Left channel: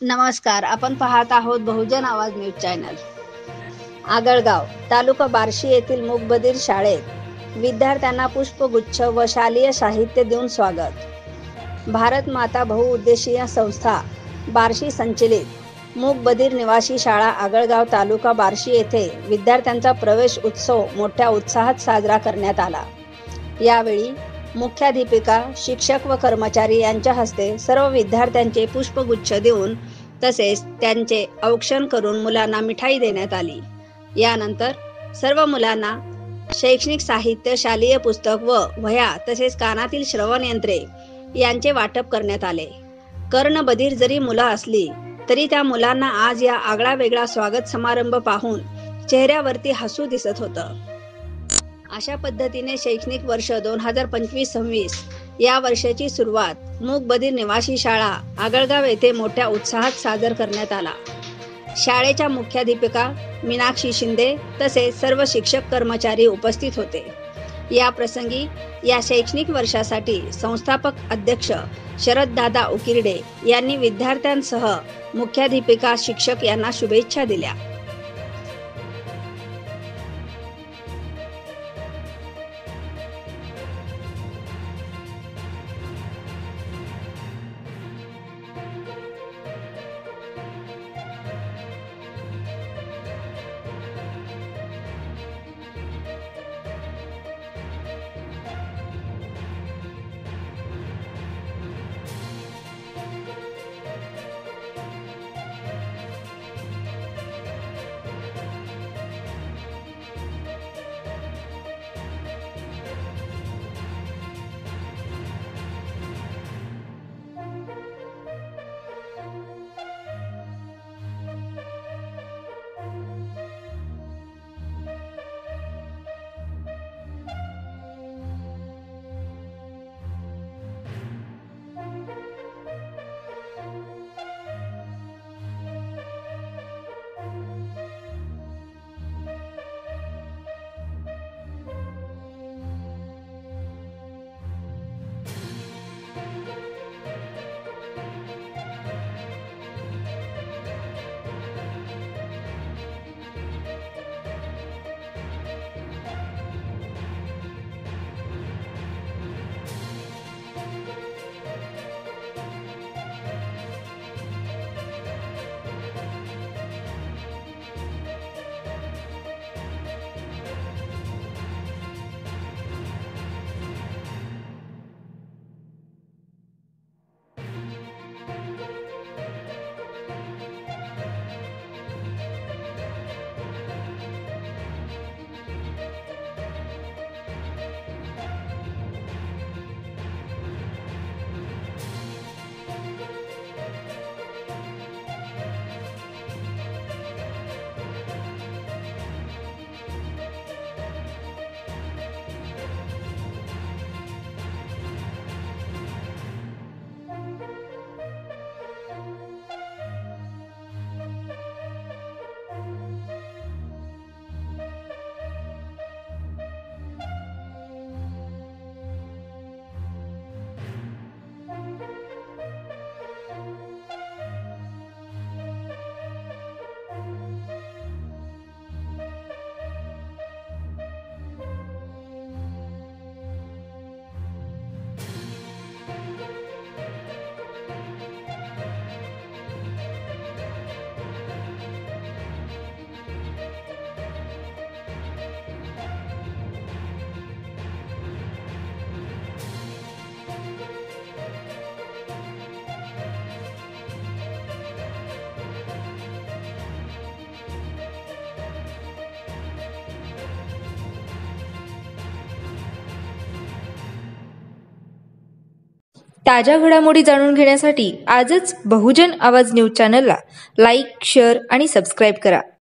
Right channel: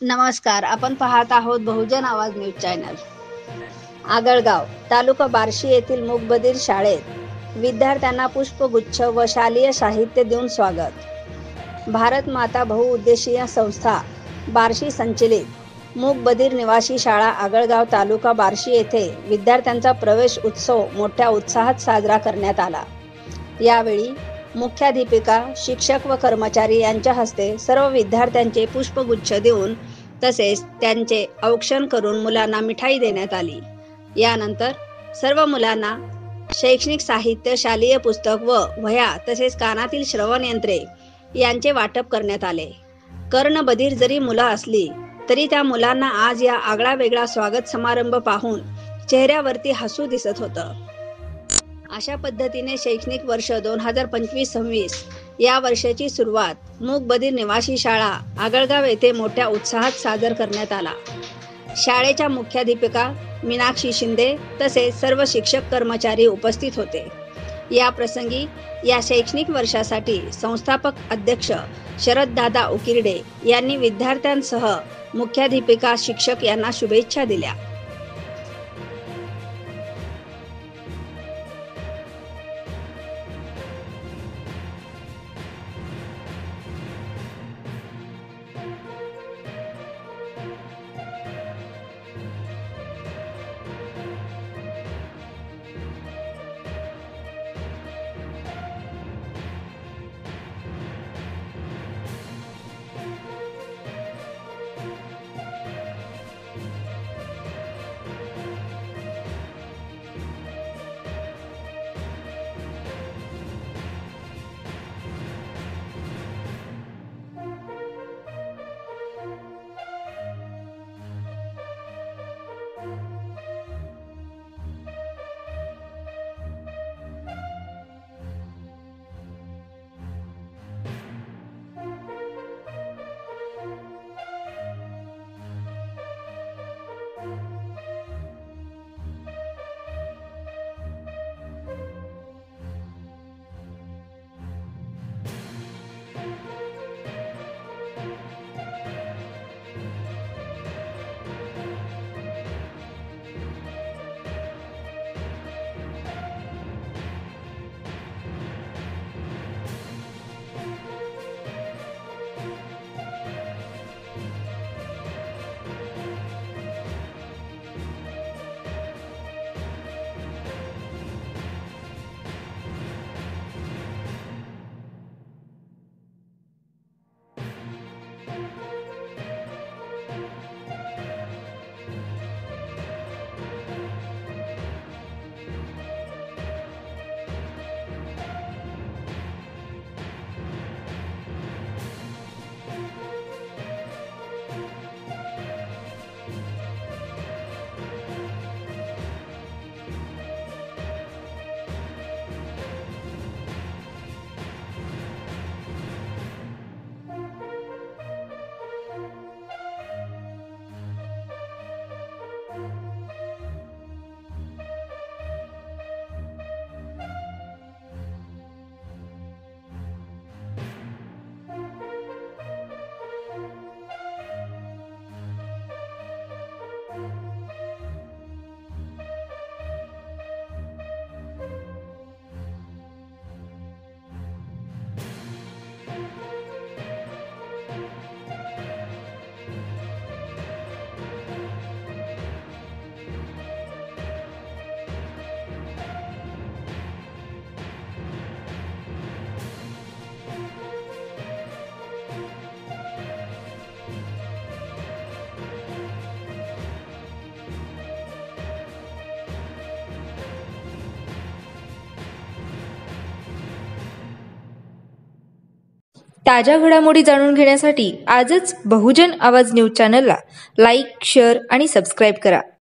नमस्कार, आपण पाहत आहोत बहुजन आवाज न्यूज चॅनल। आगळगाव तालुका बार्शी येथील मूकबधीर शाळेत विद्यार्थ्यांना पुष्पगुच्छ व शालेय साहित्य देऊन स्वागत। भारत माता बहुउद्देशीय संस्था बार्शी संचलित मूकबधीर निवासी शाळा आगळगाव तालुका बार्शी येथे विद्यार्थ्यांचा प्रवेश उत्सव मोठ्या उत्साहात साजरा करण्यात आला। यावेळी मुख्याध्यापिका, शिक्षक व कर्मचारी यांच्या हस्ते सर्व विद्यार्थ्यांचे पुष्पगुच्छ देऊन तसेच त्यांचे औक्षण करून मुलांना मिठाई देण्यात आली। यानंतर सर्व मुलांना शैक्षणिक साहित्य, शालेय पुस्तक व वह्या तसेच कानातील श्रवण यंत्रे यांचे वाटप करण्यात आले। कर्णबधीर जरी मुलं असली तरी त्या मुलांना आज या आगळा वेगळा स्वागत समारंभ पाहून चेहऱ्यावरती हसू दिसत होतं। अशा पद्धतीने शैक्षणिक वर्ष 2025-26 या वर्षाची सुरुवात मूकबधीर निवासी शाळा आगळगाव येथे मोठ्या उत्साहात साजर करण्यात आला। शाळेच्या मुख्याध्यापिका मीनाक्षी शिंदे तसेच सर्व शिक्षक कर्मचारी उपस्थित होते। या प्रसंगी या शैक्षणिक वर्षासाठी संस्थापक अध्यक्ष शरददादा उकिरडे यांनी विद्यार्थ्यांसह मुख्याध्यापिका, शिक्षक यांना शुभेच्छा दिल्या। ताज्या घडामोडी जाणून घेण्यासाठी आजच बहुजन आवाज न्यूज चॅनलला लाईक, शेअर आणि सबस्क्राईब करा।